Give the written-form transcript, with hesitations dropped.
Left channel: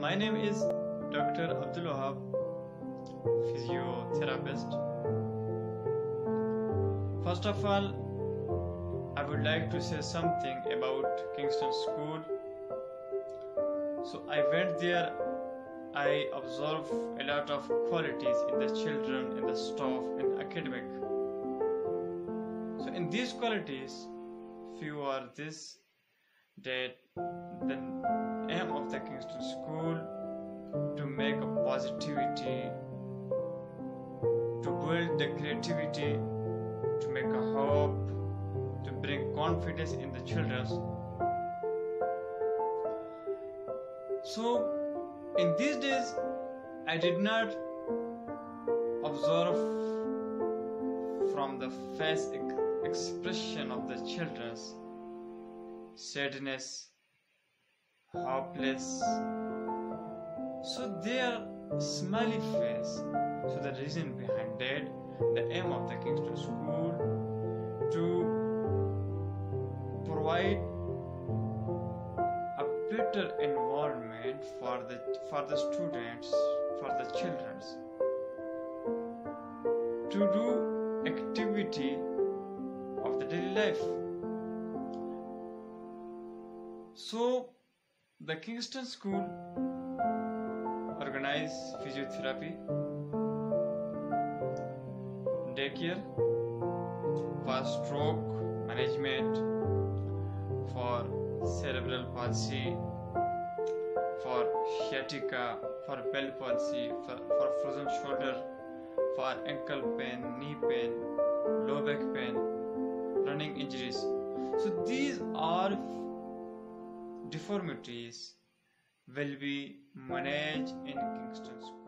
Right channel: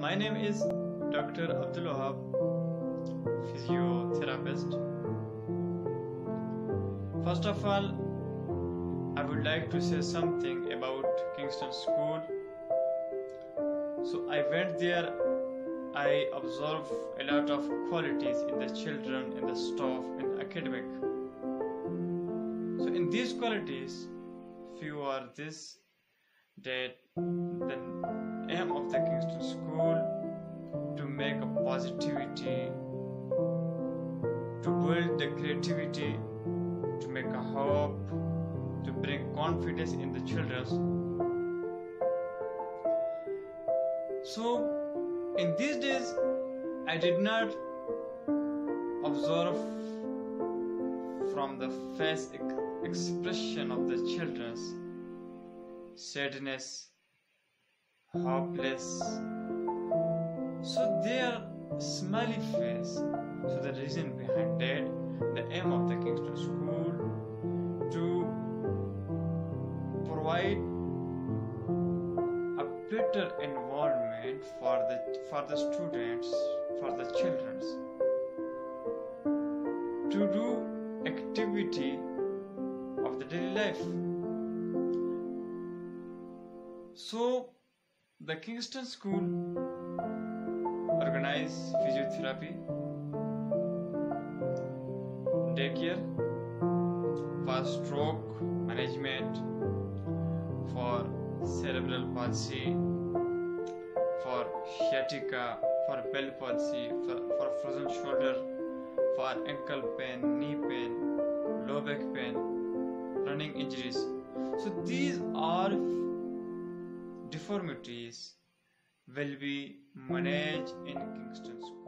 My name is Dr. Abdul Wahab, physiotherapist. First of all, I would like to say something about Kingston School. So I went there. I observed a lot of qualities in the children, in the staff, in academic. So in these qualities, few are this, that the aim of the Kingston School to make a positivity, to build the creativity, to make a hope, to bring confidence in the children. So in these days, I did not observe from the face expression of the children's sadness, hopeless. So their smiley face. So the reason behind that, the aim of the Kingston School to provide a better environment for the students, for the children, to do activity of the daily life. So the Kingston School organize physiotherapy, daycare, for stroke management, for cerebral palsy, for sciatica, for bell palsy, for frozen shoulder, for ankle pain, knee pain, low back pain, running injuries. So these are deformities will be managed in Kingston School.